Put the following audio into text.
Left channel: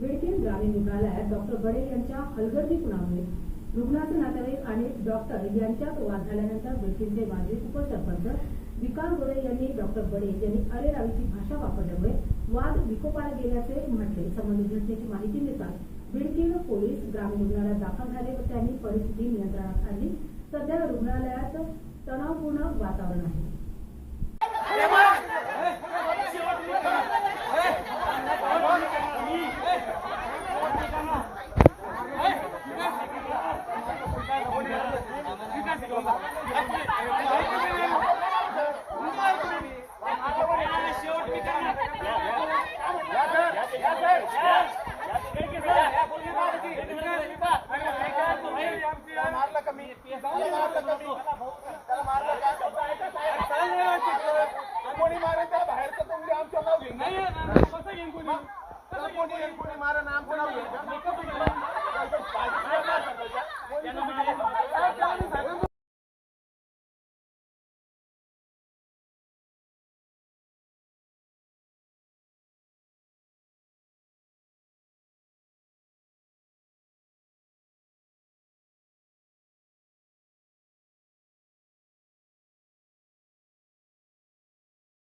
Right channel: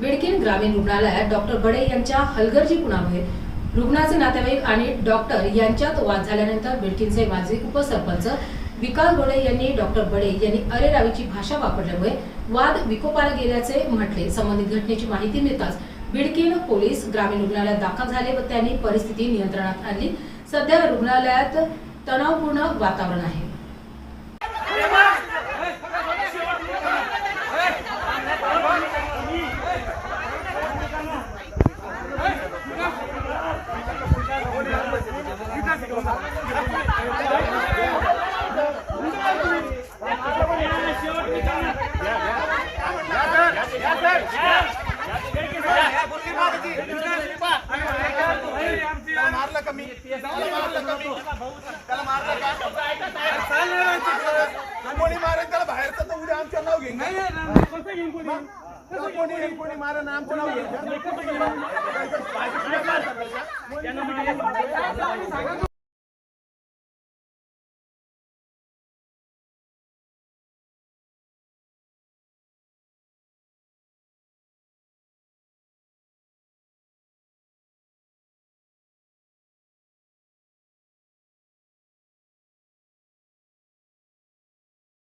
बिडकीन ग्रामीण रुग्णालयात डॉक्टर बडे यांच्या हलगर्जीपणामुळे रुग्णाचे नातेवाईक आणि डॉक्टर यांच्यात वाद झाल्यानंतर बिडकीनचे माजी उपसरपंच विकास गोळे यांनी डॉक्टर बडे यांनी अरेरावीची भाषा वापरल्यामुळे वाद विकोपाला गेल्याचे म्हटले। संबंधित घटनेची माहिती मिळताच बिडकीन पोलीस ग्रामीण रुग्णालयात दाखल झाले व त्यांनी परिस्थिती नियंत्रणात आणली। सध्या रुग्णालयात तणावपूर्ण वातावरण आहे। कोणी मारा नाम कोण